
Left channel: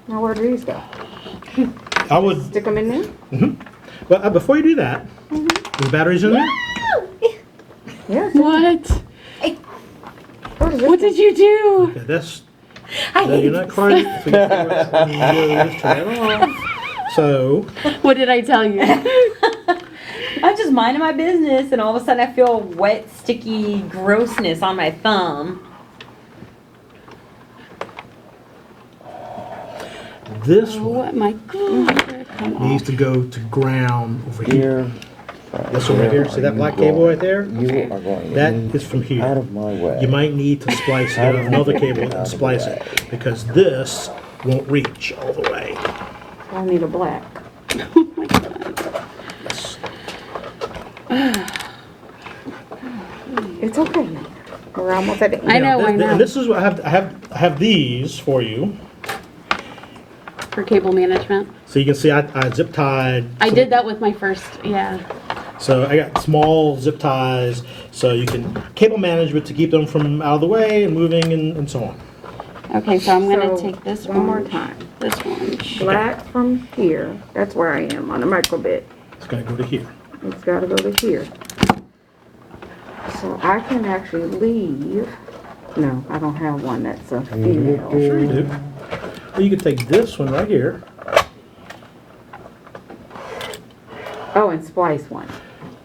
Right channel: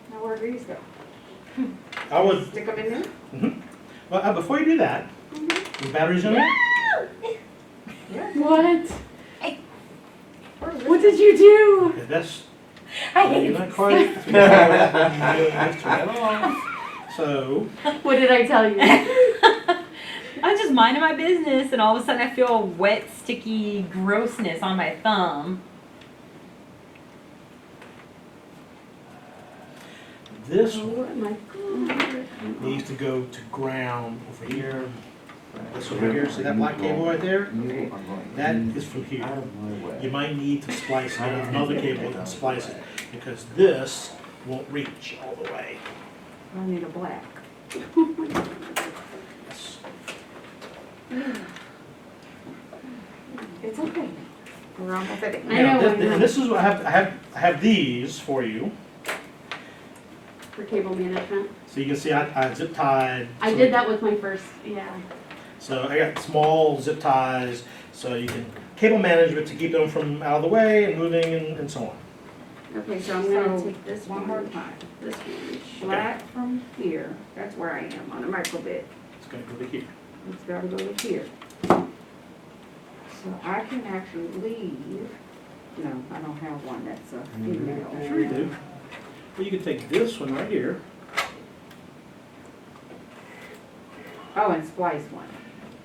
Now where do these go? I would, Stick them in there? well, before you do that, the batteries in there? Yeah. What? What is this? What did you do? Okay, that's, I no, hate you're not quite. So, you just turn it off. So, What did I tell you? I'm just minding my business, and all of a sudden I feel wet, sticky grossness on my thumb. this one Oh my god. Come on. needs to go to ground over here. Here. This one right here, see that black cable right there? You are going That in is from out here. of my way. You might need to splice it with another cable and splice it, because this won't reach all the way. I need a black. Oh my god. It's okay. We're almost at the end. I know, Now, I know. And this is what I have these for you, For cable management. so you can see I zip tied. I did that with my first, yeah. So I got small zip ties, so you can cable management to keep them from out of the way and moving and so on. Okay, so I'm gonna So, take this One more one, time. this one. Black from here. That's where I am on the micro bit. It's gonna go to here. It's gotta go to here. So I can actually leave. No, I don't have one that's a female. Sure you do. Well, you can take this one right here. Oh, and splice one.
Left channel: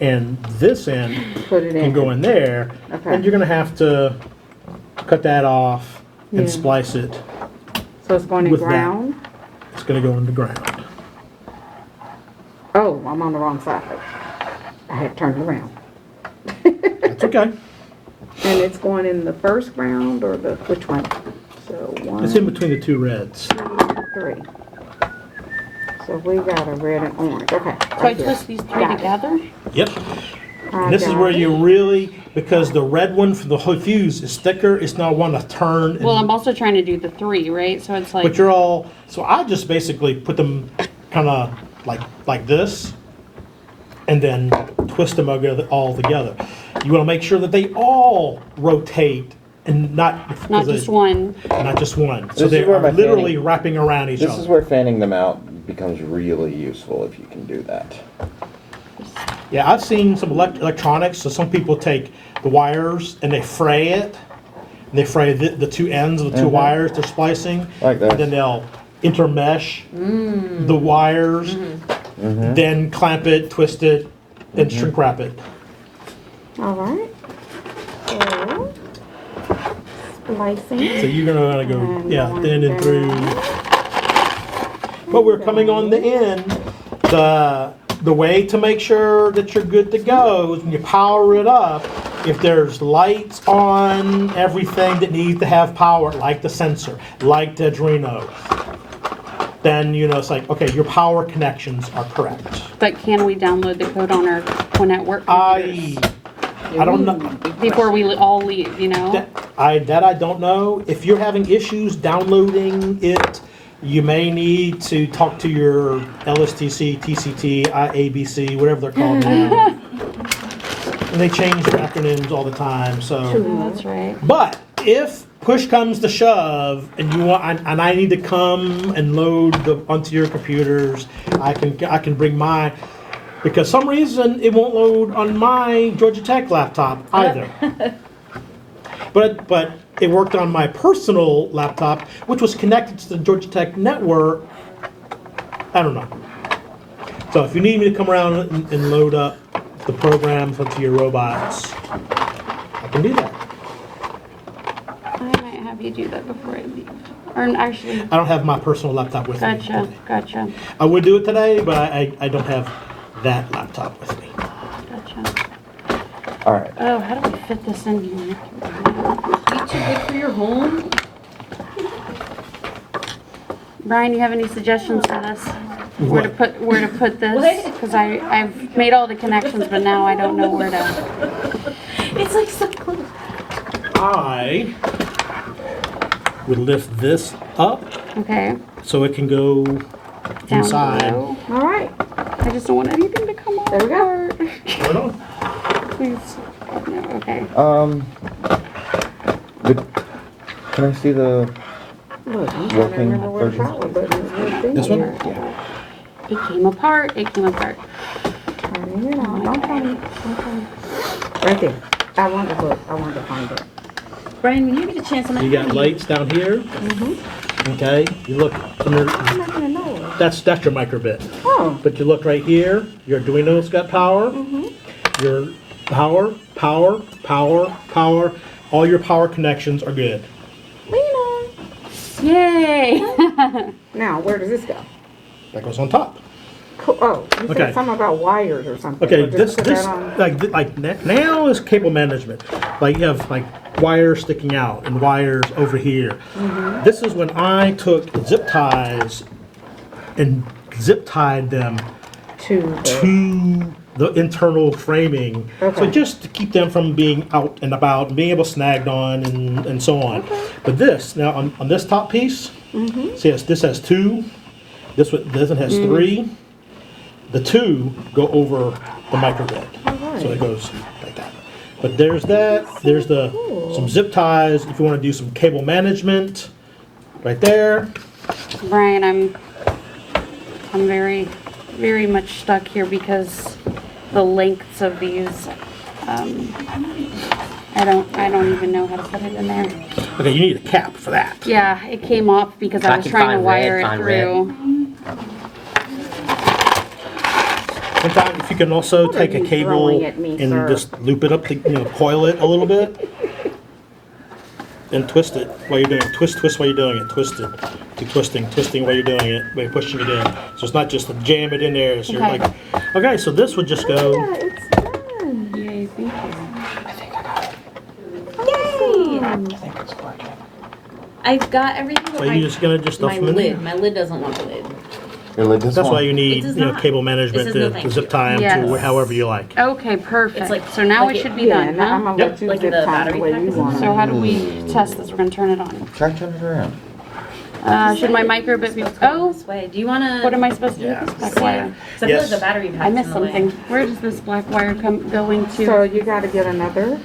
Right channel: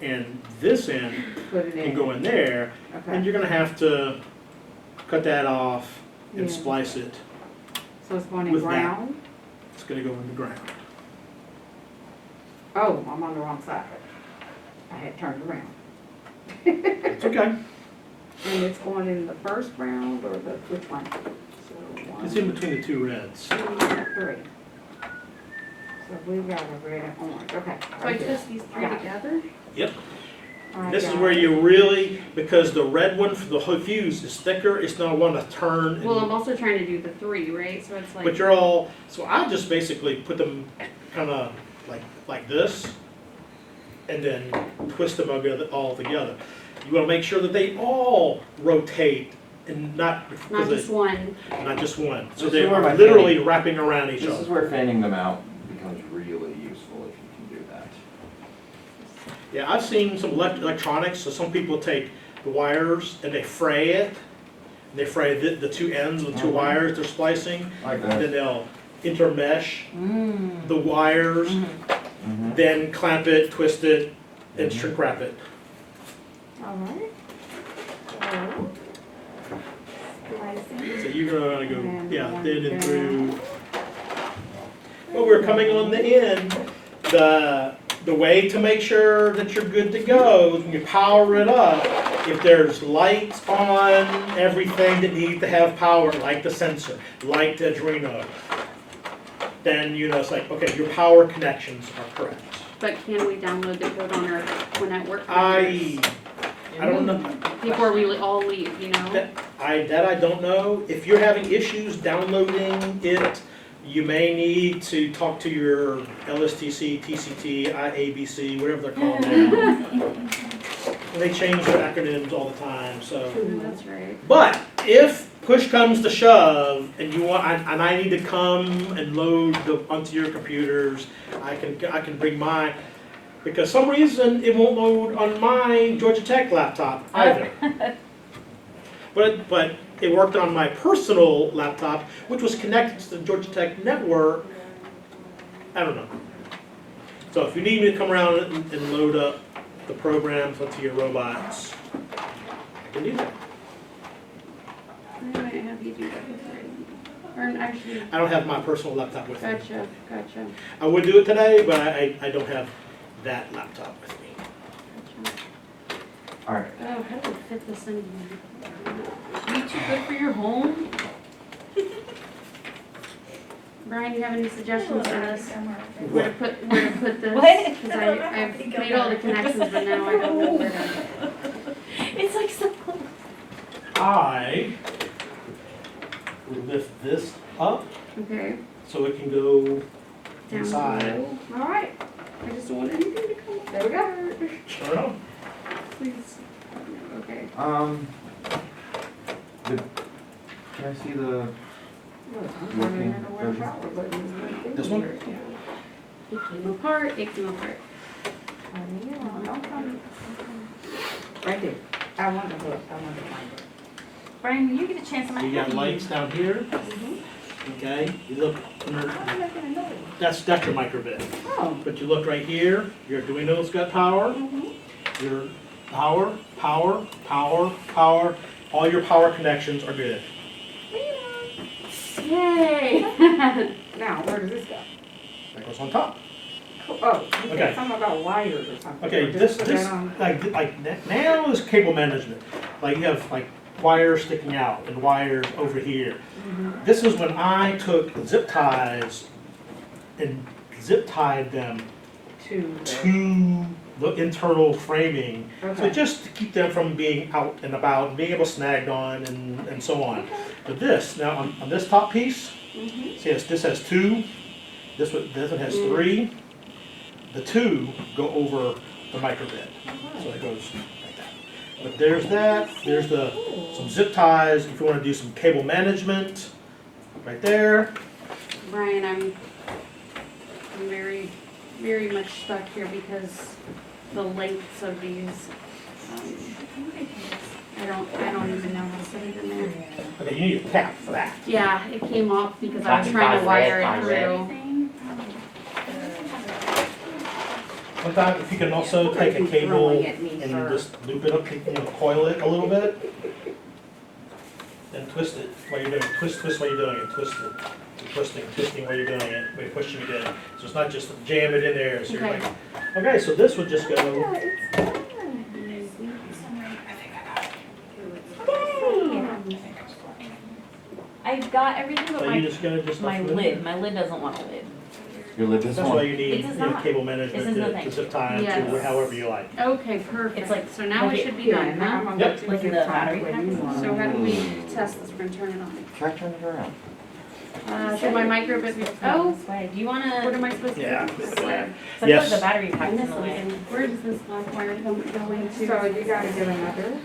And this end Put it in. can go in there, and Okay. you're gonna have to cut that off and Yeah. splice it. So it's going in with that. ground? It's gonna go into ground. Oh, I'm on the wrong side. I had turned around. It's okay. And it's going in the first round or the, which one? So one, It's in between the two reds. 2, 3. So we got a red and orange. Okay. So I right here. twist these three Got it. together? Yep. I And this is got where it. you really, because the red one for the whole fuse is thicker, it's not one to turn. and- Well, I'm also trying to do the three, right? So it's But like, you're all, so I just basically put them kind of like this, and then twist them all together. You want to make sure that they all rotate and not not just one. not just one. So This is they're where my literally fanny- wrapping around each This other. is where fanning them out becomes really useful if you can do that. Yeah, I've seen some electronics. So some people take the wires and they fray it. And they fray the two ends of the 2 Mhm. wires they're splicing. Like And then this. they'll intermesh the wires, Mhm. then clamp it, twist it, and Mhm. shrink wrap it. All right. So, splicing. So you're gonna go, And yeah, going thin and down. through. But we're coming on the end. The way to make sure that you're good to go is when you power it up, if there's lights on everything that needs to have power, like the sensor, like the Arduino, then it's like, okay, your power connections are correct. But can we download the code on our Point at Work I don't know. before we all leave, That I don't know. If you're having issues downloading it, you may need to talk to your LSTC, TCT, IABC, whatever they're called now. And they change their acronyms all the time, so. Oh, that's right. But if push comes to shove and you want, and I need to come and load onto your computers, I can bring mine. Because some reason it won't load on my Georgia Tech laptop either. But it worked on my personal laptop, which was connected to the Georgia Tech network. I don't know. So if you need me to come around and load up the programs onto your robots, I can do that. I might have you do that before I leave. Or actually, I don't have my personal laptop with me. gotcha. I would do it today, but I don't have that laptop with me. Gotcha. All right. Oh, how do we fit this in here? You too good for your home? Brian, you have any suggestions for this? Where to put this? What? Because I've made all the connections, but now I don't know where to. It's like so close. I would lift this up Okay. so it can go Down inside. below. All right. I just don't want anything to come off. There we go. Right on. Please. No, okay. Can I see the, Look, I'm trying to Working remember where the version. power button is. This one? It came apart. It came apart. Turn it on. Don't tell me. Don't tell me. Right there. I wanted to look. I wanted to find it. Brian, when you get a chance, I'm You got lights down here. Okay. You look under. I'm not gonna know. That's your microbit. Oh. But you look right here. Your Arduino's got power. Your power. All your power connections are good. Lena. Yay! Now, where does this go? That goes on top. Cool. Oh, you said Okay. something about wires or something. Okay, Or this just put that on- like now is cable management. Like you have like wires sticking out and wires over here. This is when I took zip ties and zip tied them to the, to the internal framing. So Okay. just to keep them from being out and about and being able to snagged on and so on. But this, now on this top piece, see this has two, this one has three. The two go over the microbit. So it goes like that. But there's that, there's some zip ties if you want to do some cable management, right there. Brian, I'm very, very much stuck here because the lengths of these. I don't even know how to put it in there. Okay, you need a cap for that. Yeah, it came off because I was trying to wire it through. Sometimes if you can also take a you cable throwing at me, and sir? just loop it up to, coil it a little bit. And twist it while you're doing it. Twist while you're doing it. Twist it. Keep twisting while you're doing it. While you're pushing it in. So it's not just to jam it in there. So you're Okay. like, okay, so this would just go. Yeah, it's done. Yay, thank you. I've got everything but So my, you're just gonna just stuff my them in lid. there. My lid doesn't want the lid. your lid this That's one? why you need, It does not. cable management This is no to thank zip you. tie them Yes. to however you like. Okay, perfect. It's like- So now like we it- should be Yeah, done, now I'm huh? gonna Yep. let you Like zip the tie battery the way pack you is- want So it. how do we test this? We're gonna turn it on. Try turn it around. Should my microbit be? Oh, This way. Do you want to? what am I supposed to do Yeah. with this black wire? I feel like Yes. the battery pack's I missed in the way. something. Where does this black wire go into? So you gotta get another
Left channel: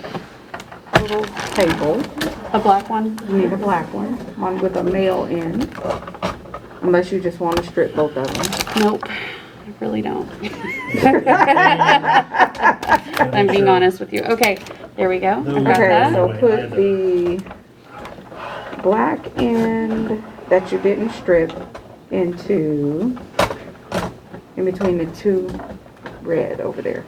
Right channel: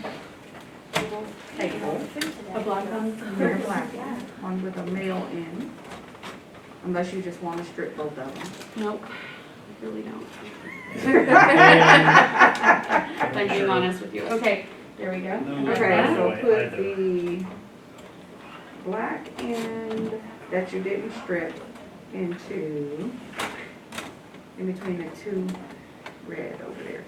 little cable. A black one? You need a black one with a male end. Unless you just want to strip both of them. Nope, I really don't. I'm being honest with you. Okay, there we go. I got Okay, that. so I put know. the black end that you didn't strip into, in between the two red over there.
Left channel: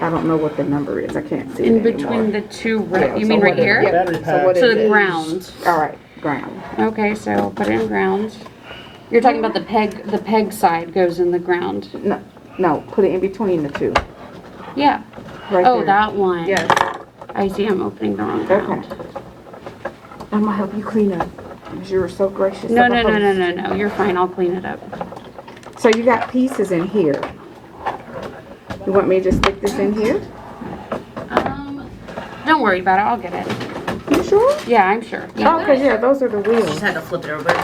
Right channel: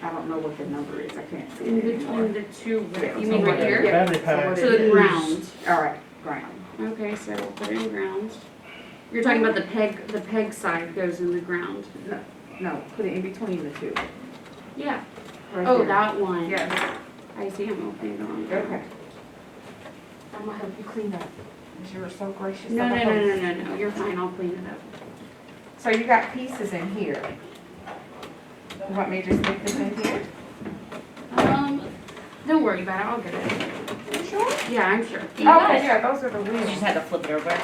I don't know what the number is, I can't see In it anymore. between the two, Yeah, you so mean right what it- here? yeah, Battery so pack. what To it the is- ground. Alright, ground. Okay, so put it in ground. You're talking about the peg side goes in the ground. No, put it in between the two, Yeah. right Oh, there. that one. Yes, I see, I'm opening the wrong okay. ground. I'm gonna help you clean up, 'cause you were so gracious. No, of no, a no, host. no, no, no, you're fine, I'll clean it up. So you got pieces in here. You want me to just stick this in here? Don't worry about it, I'll get it. You sure? Yeah, I'm sure. Oh, 'cause yeah, those are the You wheels. just had to flip it over.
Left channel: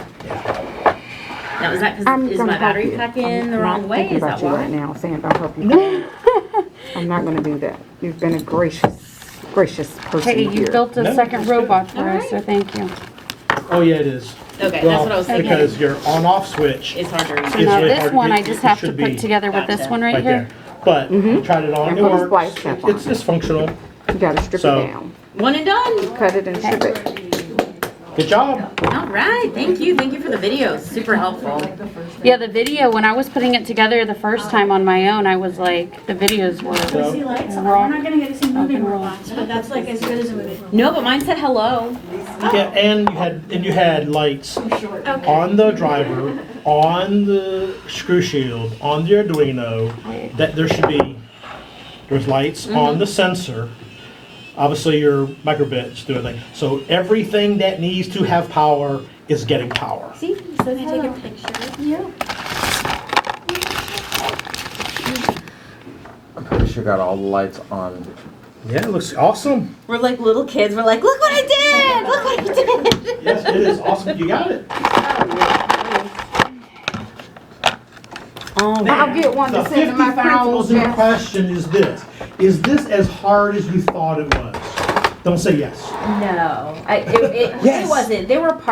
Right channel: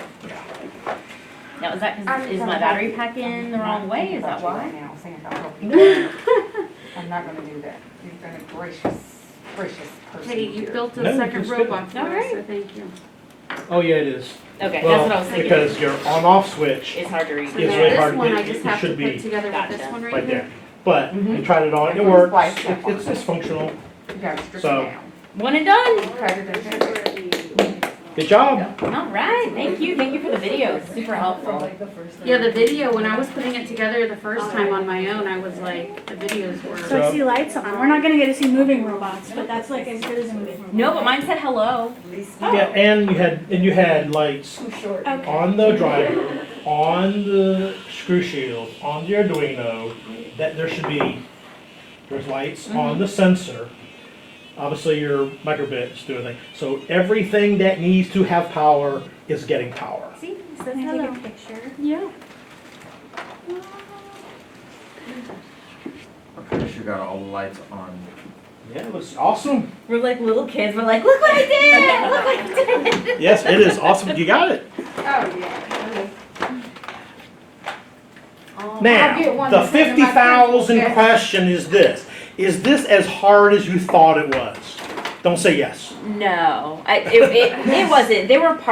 Now, is that I'm because, is gonna my help battery you. pack in the I'm wrong not way? thinking Is about that you why? right now, saying I'll help you. I'm not gonna do that. You've been a gracious person Hey, you here. built a No, second that's good. robot for us, Alright. so thank you. Oh, yeah, it is. Okay, Well, that's what I was thinking. because your on-off switch It's hard to read. So It's now really this hard. one, I It- just it have to should put be together with this Gotcha. one right right here. there. But you tried it on, And it put a works. splice strap on It's just functional. You gotta strip So- it down. One and done. Cut it and strip it. Good job. All right, thank you for the videos, super helpful. Yeah, the video, when I was putting it together the first time on my own, I was like, the videos were. So I see lights on. We're not gonna get to see moving robots, but that's like as good as a moving robot. No, but mine said hello. Yeah, and you had lights Okay. on the driver, on the screw shield, on the Arduino. That there's lights on the sensor. Obviously, your microbits do everything. So everything that needs to have power is getting power. See, it says Can I take hello. a picture? Yeah. I'm pretty sure got all the lights on. Yeah, it looks awesome. We're like little kids. We're like, look what I did! Look what I did! Yes, it is awesome. You got it. Oh, Now, I'll get one the to send to my 50,000 principal. question is this. Is this as hard as you thought it was? Don't say yes. no, it wasn't. There were parts